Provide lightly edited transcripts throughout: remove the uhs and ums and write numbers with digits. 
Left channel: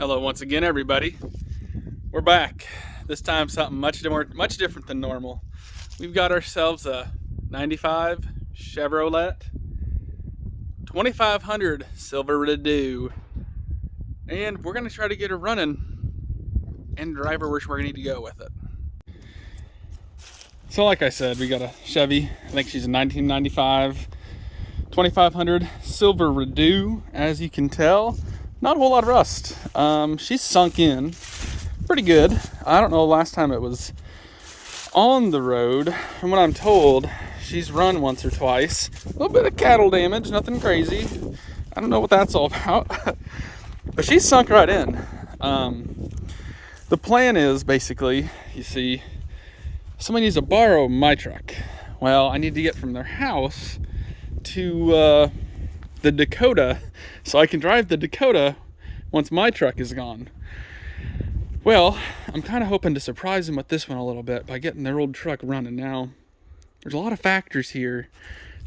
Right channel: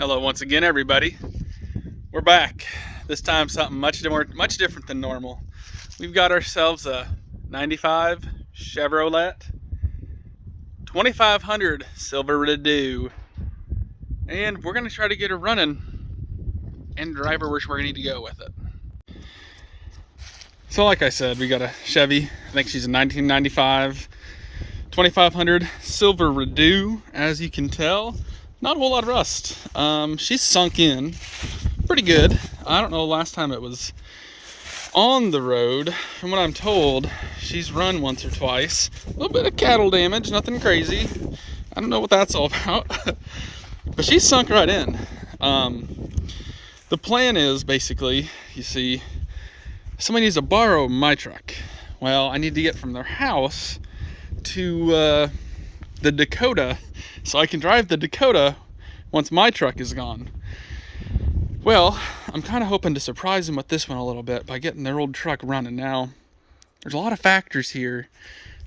Hello once again, everybody. We're back. This time something much different than normal. We've got ourselves a 95 Chevrolet 2500 silverado, and we're gonna try to get her running and drive her where we need to go with it. So like I said, we got a Chevy. I think she's a 1995 2500 silverado. As you can tell, not a whole lot of rust. She's sunk in pretty good. I don't know the last time it was on the road. From what I'm told, she's run once or twice. A little bit of cattle damage, nothing crazy. I don't know what that's all about. But she's sunk right in. The plan is basically, you see, somebody needs to borrow my truck. Well, I need to get from their house to the Dakota, so I can drive the Dakota once my truck is gone. Well, I'm kind of hoping to surprise them with this one a little bit by getting their old truck running. Now, there's a lot of factors here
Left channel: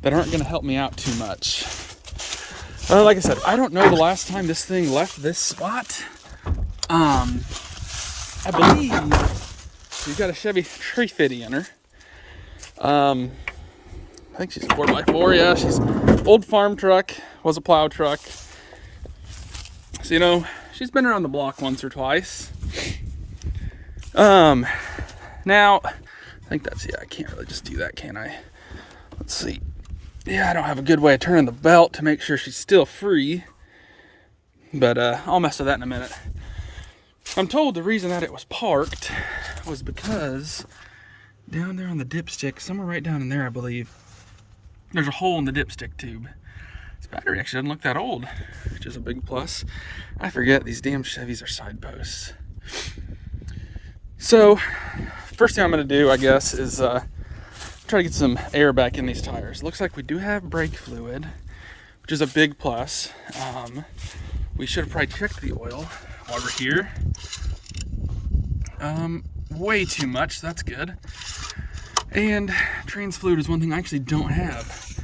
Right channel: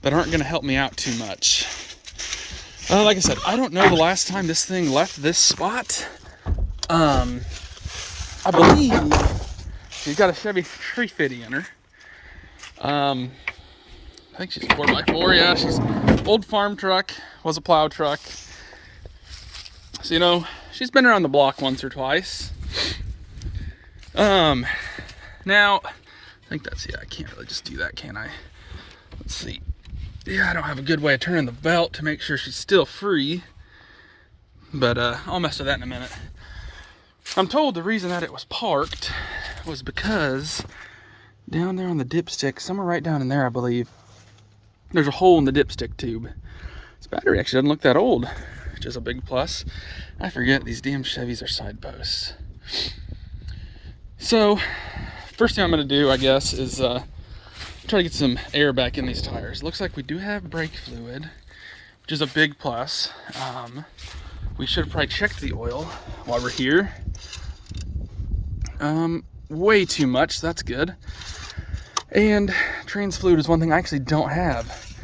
that aren't going to help me out too much. Like I said, I don't know the last time this thing left this spot. I believe she's got a Chevy 350 in her. I think she's 4x4, yeah, she's an old farm truck, was a plow truck. So, you know, she's been around the block once or twice. Now, I think that's, yeah, I can't really just do that, can I? Let's see. Yeah, I don't have a good way of turning the belt to make sure she's still free. But, I'll mess with that in a minute. I'm told the reason that it was parked was because down there on the dipstick, somewhere right down in there, I believe, there's a hole in the dipstick tube. This battery actually doesn't look that old, which is a big plus. I forget these damn Chevys are side posts. So, first thing I'm going to do, I guess, is try to get some air back in these tires. Looks like we do have brake fluid, which is a big plus. We should have probably checked the oil while we're here. Way too much, that's good. And trans fluid is one thing I actually don't have,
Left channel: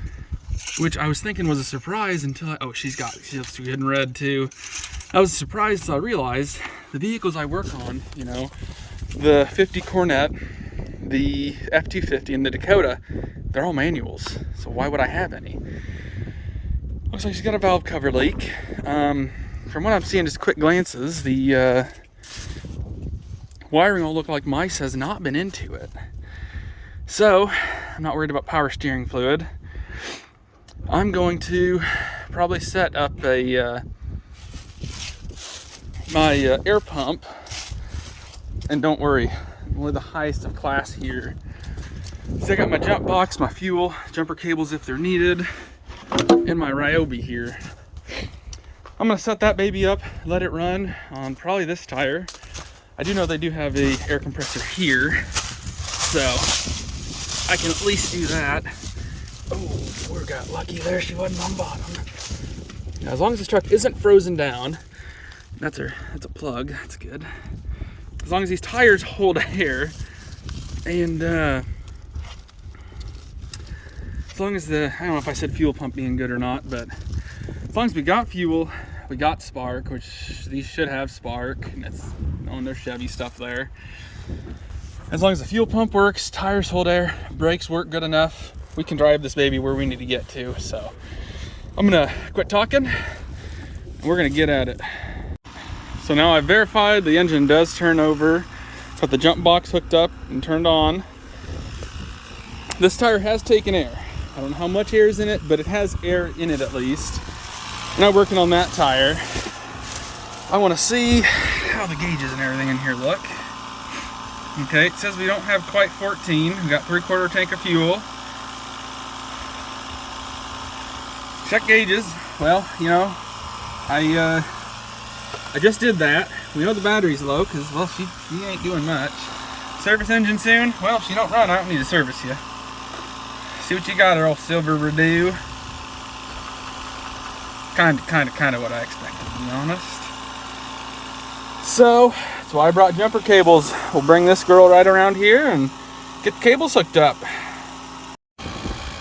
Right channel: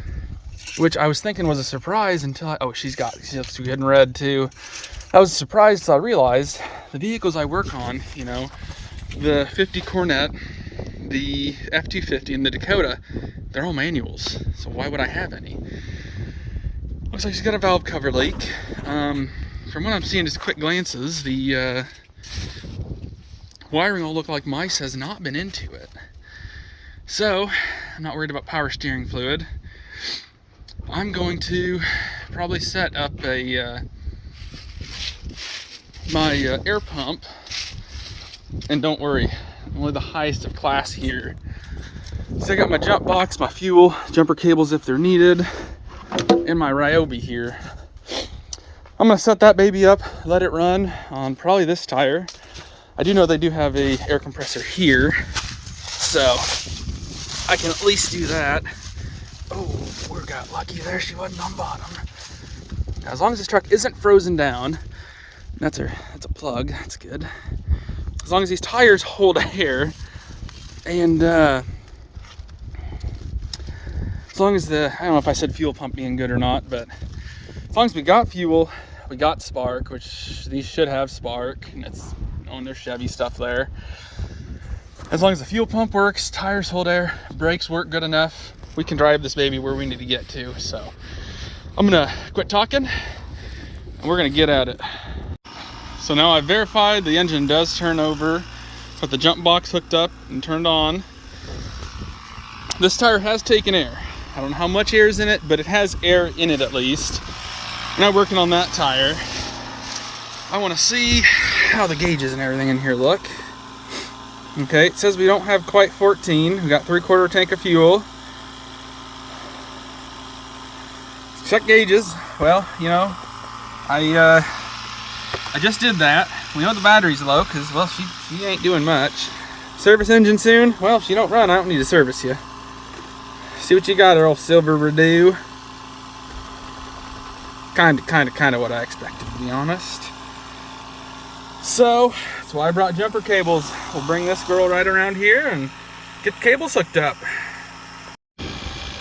which I was thinking was a surprise until she's getting red too. I was surprised until I realized the vehicles I work on, you know, the 50 Cornet, the F-250, and the Dakota, they're all manuals. So why would I have any? Looks like she's got a valve cover leak. From what I'm seeing, just quick glances, the wiring all look like mice has not been into it. So, I'm not worried about power steering fluid. I'm going to probably set up my air pump, and don't worry, I'm only the highest of class here. So I got my jump box, my fuel, jumper cables if they're needed, and my Ryobi here. I'm gonna set that baby up, let it run on probably this tire. I do know they do have a air compressor here, so I can at least do that. Oh, we got lucky there, she wasn't on bottom. Now, as long as this truck isn't frozen down, that's a plug, that's good. As long as these tires hold air, and as long as I don't know if I said fuel pump being good or not, but as long as we got fuel, we got spark, which these should have spark, and it's on their Chevy stuff there. As long as the fuel pump works, tires hold air, brakes work good enough, we can drive this baby where we need to get to. So I'm gonna quit talking and we're gonna get at it. So now I've verified the engine does turn over, got the jump box hooked up and turned on. This tire has taken air. I don't know how much air is in it, but it has air in it at least. We're not working on that tire. I want to see how the gauges and everything in here look. Okay, it says we don't have quite 14. We got 3/4 tank of fuel. Check gauges. Well, you know, I just did that. We know the battery's low because, well, she ain't doing much. Service engine soon. Well, if you don't run, I don't need to service you. See what you got there, old silverado. Kind of what I expected, to be honest. So that's why I brought jumper cables. We'll bring this girl right around here and get the cables hooked up.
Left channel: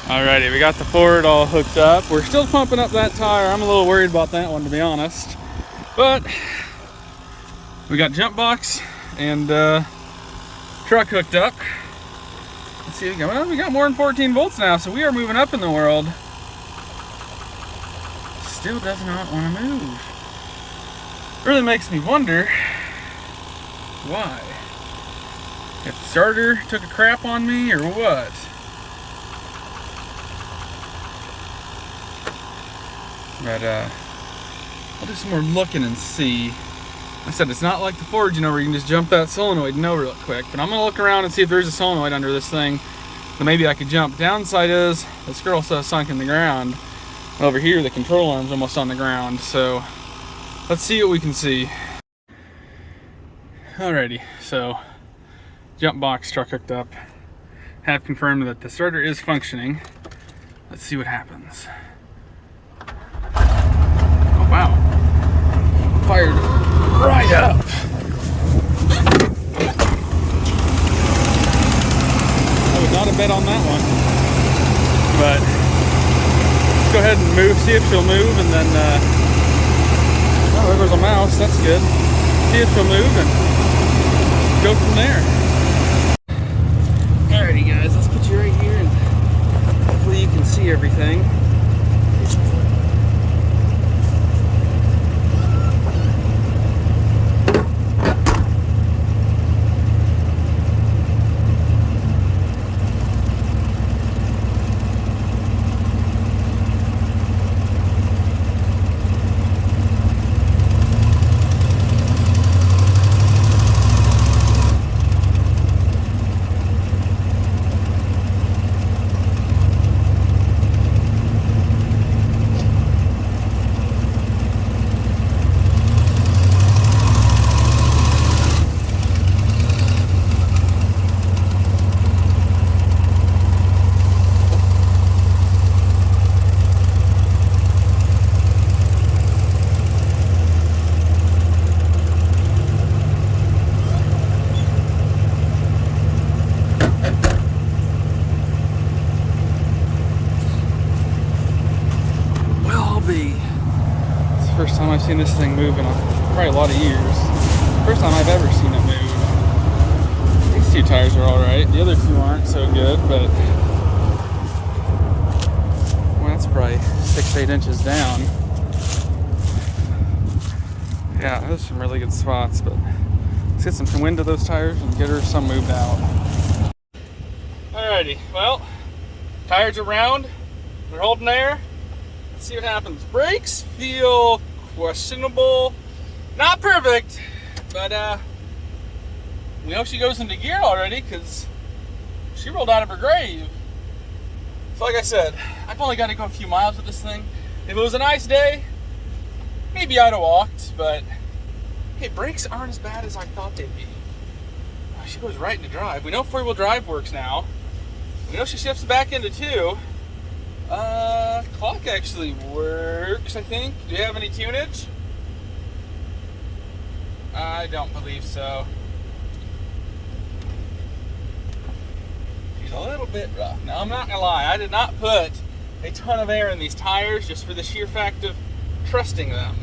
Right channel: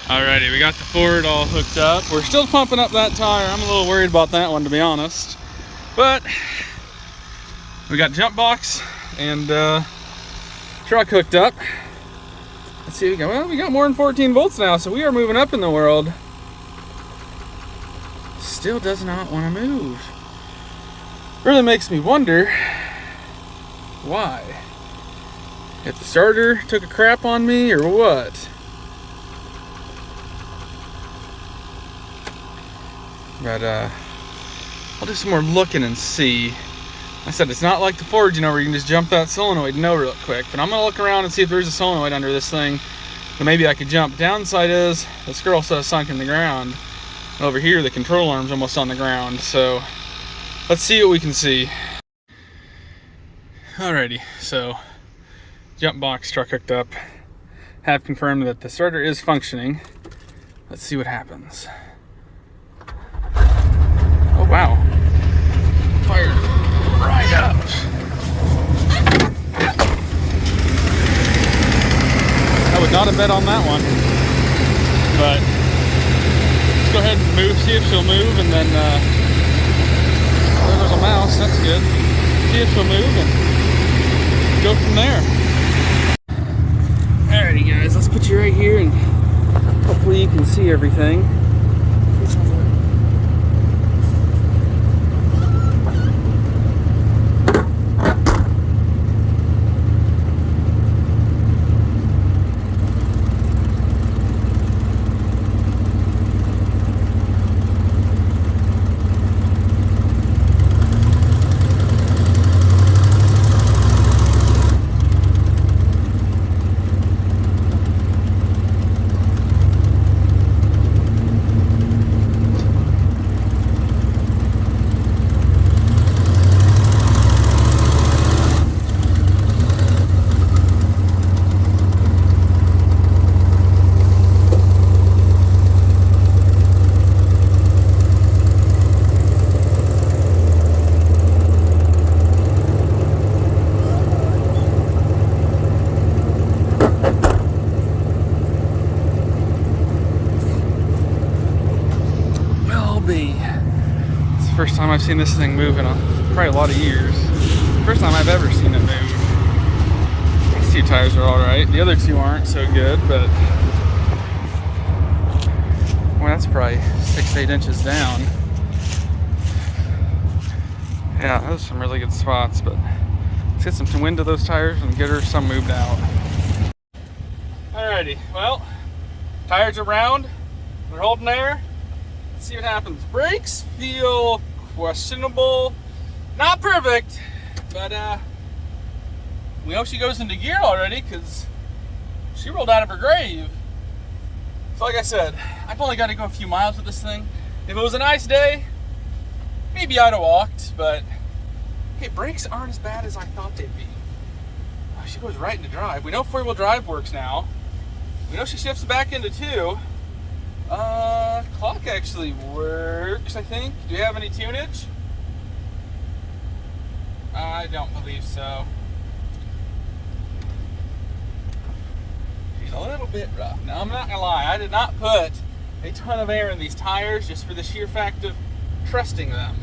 Alrighty, we got the Ford all hooked up. We're still pumping up that tire. I'm a little worried about that one, to be honest. But We got jump box and truck hooked up. Let's see, we got more than 14 volts now, so we are moving up in the world. Still does not want to move. Really makes me wonder why. If the starter took a crap on me or what. But I'll do some more looking and see. Like I said, it's not like the Ford, where you can just jump that solenoid and know real quick. But I'm gonna look around and see if there's a solenoid under this thing that maybe I could jump. Downside is this girl so sunk in the ground. Over here, the control arm's almost on the ground. So let's see what we can see. Alrighty, so jump box truck hooked up. Have confirmed that the starter is functioning. Let's see what happens. Oh wow, fired right up. I would not have bet on that one, but let's go ahead and move, see if she'll move, and then oh, there's a mouse, that's good. See if she'll move and go from there. Alrighty guys, let's put you right here and hopefully you can see everything. It's the first time I've seen this thing move in probably a lot of years. First time I've ever seen it move. These two tires are alright. The other two aren't so good, but well, that's probably 6-8 inches down. Yeah, those are some really good spots, but let's get some wind to those tires and get her some moved out. Alrighty, well, tires are round. They're holding there. Let's see what happens. Brakes feel questionable. Not perfect, but we know she goes into gear already because she rolled out of her grave. So like I said, I've only got to go a few miles with this thing. If it was a nice day, maybe I'd have walked, but hey, brakes aren't as bad as I thought they'd be. Oh, she goes right into drive. We know 4-wheel drive works now. We know she shifts back into 2. Clock actually works, I think. Do you have any tunage? I don't believe so. She's a little bit rough. Now, I'm not gonna lie, I did not put a ton of air in these tires just for the sheer fact of trusting them.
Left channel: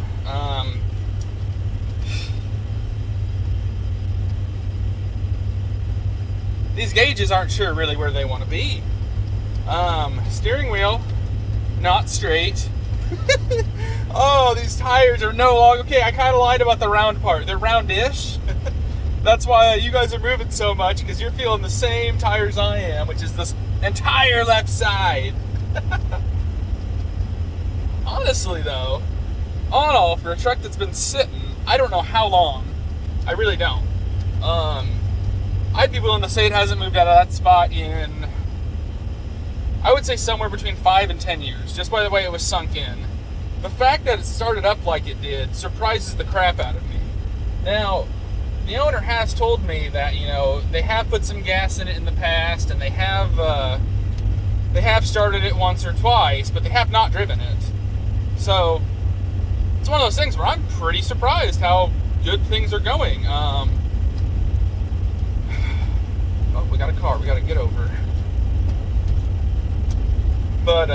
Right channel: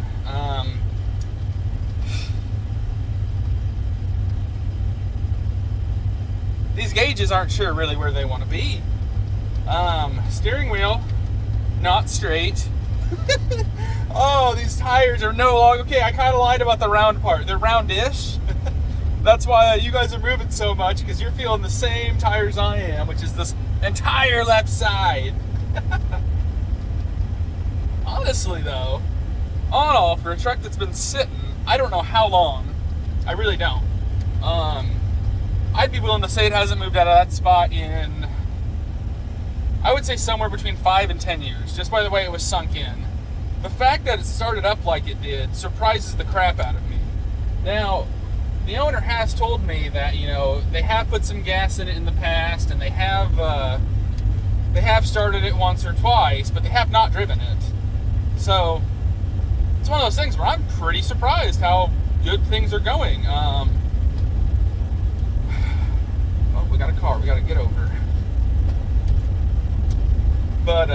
These gauges aren't sure really where they want to be. Steering wheel, not straight. Oh, these tires are no longer, okay, I kind of lied about the round part. They're roundish. That's why you guys are moving so much, because you're feeling the same tires I am, which is this entire left side. Honestly though, all in all, for a truck that's been sitting, I don't know how long. I really don't. I'd be willing to say it hasn't moved out of that spot in, I would say somewhere between 5 and 10 years, just by the way it was sunk in. The fact that it started up like it did surprises the crap out of me. Now, the owner has told me that, you know, they have put some gas in it in the past, and they have started it once or twice, but they have not driven it. So, it's one of those things where I'm pretty surprised how good things are going. Oh, we got a car we got to get over. But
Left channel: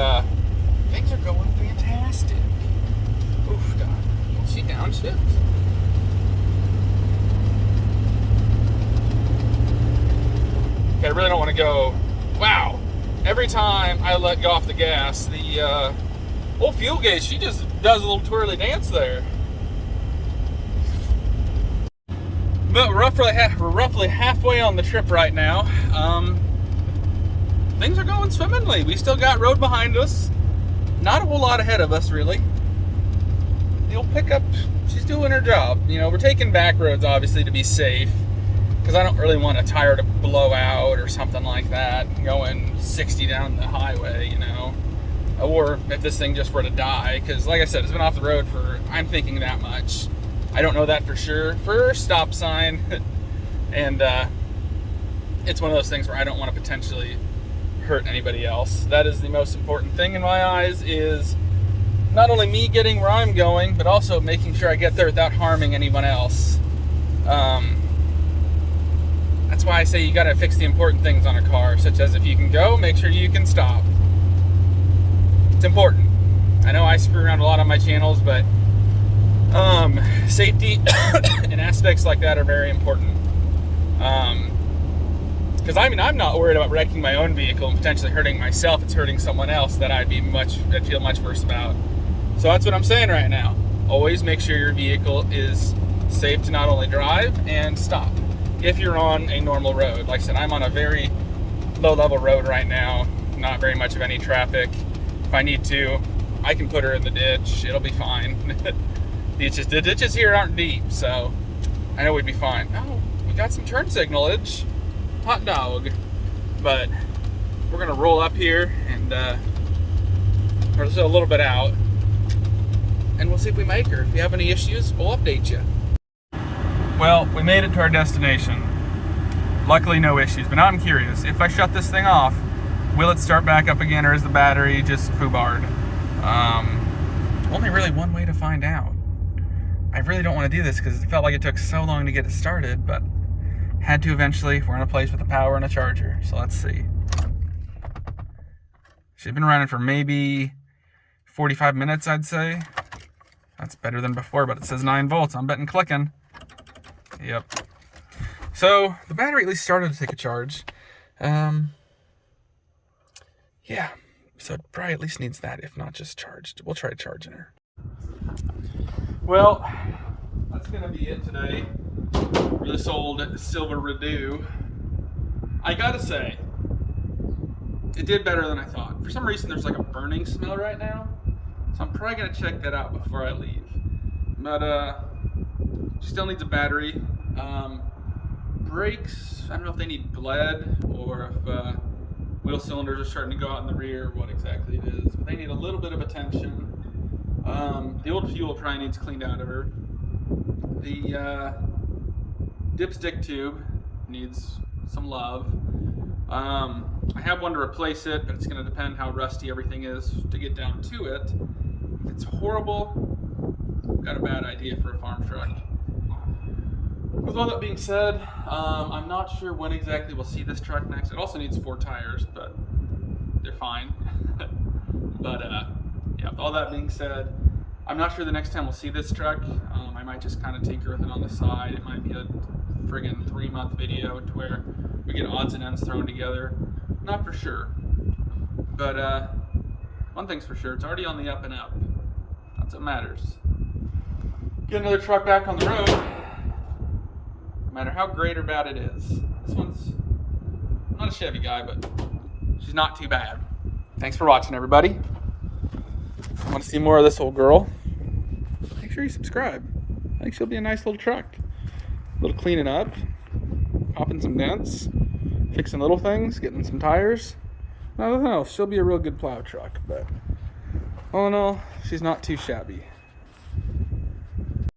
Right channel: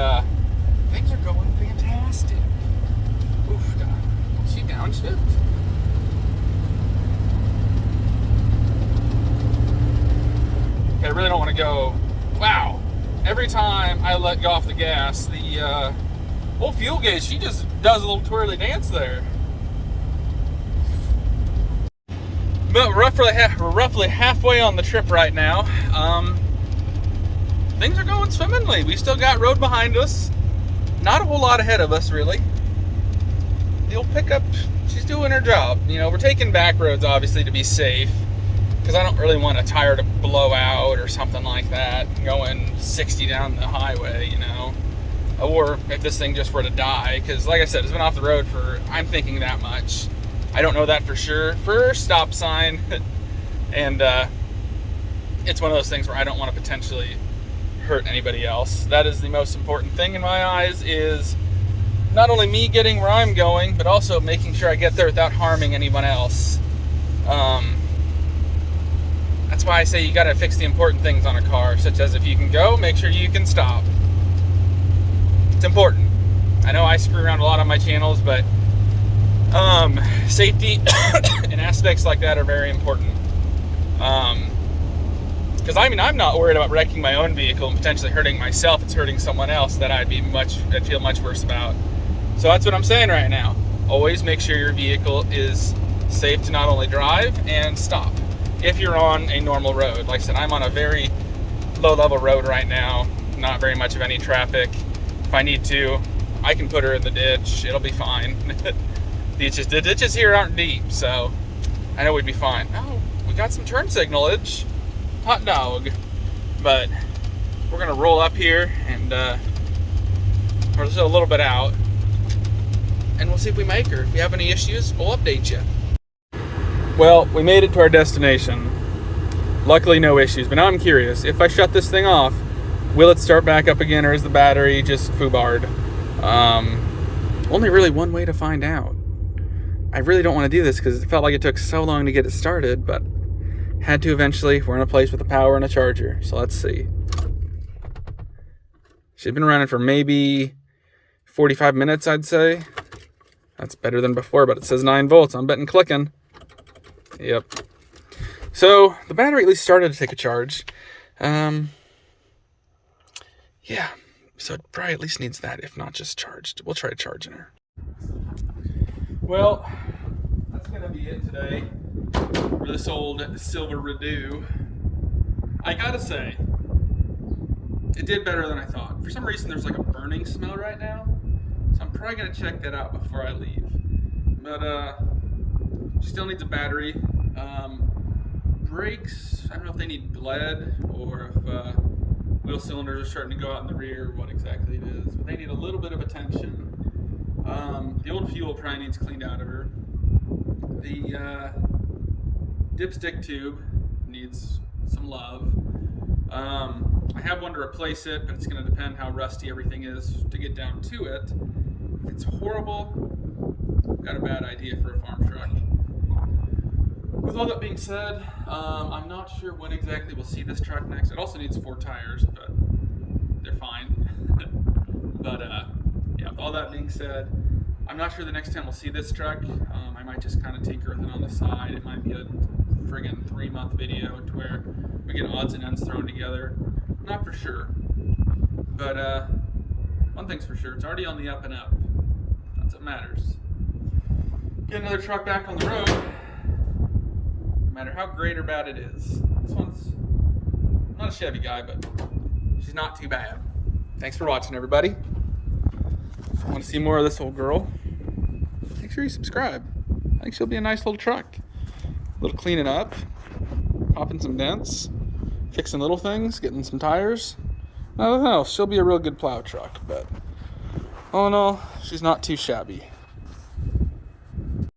things are going fantastic. Oof, God. She downshift? every time I let go off the gas, the old fuel gauge, she just does a little twirly dance there. But we're roughly halfway on the trip right now. Things are going swimmingly. We still got road behind us. Not a whole lot ahead of us, really. The old pickup, she's doing her job. You know, we're taking back roads, obviously, to be safe. Because I don't really want a tire to blow out or something like that. Going 60 down the highway, you know. Or if this thing just were to die. Because, like I said, it's been off the road for, I'm thinking, that much. I don't know that for sure. First stop sign. And it's one of those things where I don't want to potentially hurt anybody else. That is the most important thing in my eyes, is not only me getting where I'm going, but also making sure I get there without harming anyone else. That's why I say you got to fix the important things on a car, such as if you can go, make sure you can stop. It's important. I know I screw around a lot on my channels, but safety and aspects like that are very important. Because I mean, I'm not worried about wrecking my own vehicle and potentially hurting myself. It's hurting someone else that I'd feel much worse about. So that's what I'm saying right now. Always make sure your vehicle is safe to not only drive and stop. If you're on a normal road, like I said, I'm on a very low-level road right now. Not very much of any traffic. If I need to, I can put her in the ditch. It'll be fine. The ditches here aren't deep, so I know we'd be fine. Oh, we got some turn signalage. Hot dog. But we're gonna roll up here and we're still a little bit out, and we'll see if we make her. If we have any issues, we'll update you. Well, we made it to our destination. Luckily, no issues. But now I'm curious, if I shut this thing off, will it start back up again, or is the battery just foobarred? Only really one way to find out. I really don't want to do this because it felt like it took so long to get it started, but had to eventually. We're in a place with a power and a charger, so let's see. She's been running for maybe 45 minutes, I'd say. That's better than before, but it says 9 volts. I'm betting clicking. Yep. So the battery at least started to take a charge. Yeah. So it probably at least needs that, if not just charged. We'll try charging her. Well, that's gonna be it today for this old Silverado. I gotta say, it did better than I thought. For some reason, there's like a burning smell right now, so I'm probably gonna check that out before I leave. But still needs a battery. Brakes, I don't know if they need bled or if wheel cylinders are starting to go out in the rear, what exactly it is. But they need a little bit of attention. The old fuel probably needs cleaned out of her. The dipstick tube needs some love. I have one to replace it, but it's going to depend how rusty everything is to get down to it. If it's horrible, I've got a bad idea for a farm truck. With all that being said, I'm not sure when exactly we'll see this truck next. It also needs 4 tires, but they're fine. But yeah, with all that being said, I'm not sure the next time we'll see this truck. I might just kind of tinker with it on the side. It might be a friggin' 3-month video to where we get odds and ends thrown together. Not for sure. But one thing's for sure, it's already on the up and up. That's what matters. Get another truck back on the road, no matter how great or bad it is. This one's, I'm not a Chevy guy, but she's not too bad. Thanks for watching, everybody. Want to see more of this old girl? Make sure you subscribe. I think she'll be a nice little truck. A little cleaning up, popping some dents, fixing little things, getting some tires. Nothing else. She'll be a real good plow truck, but all in all, she's not too shabby.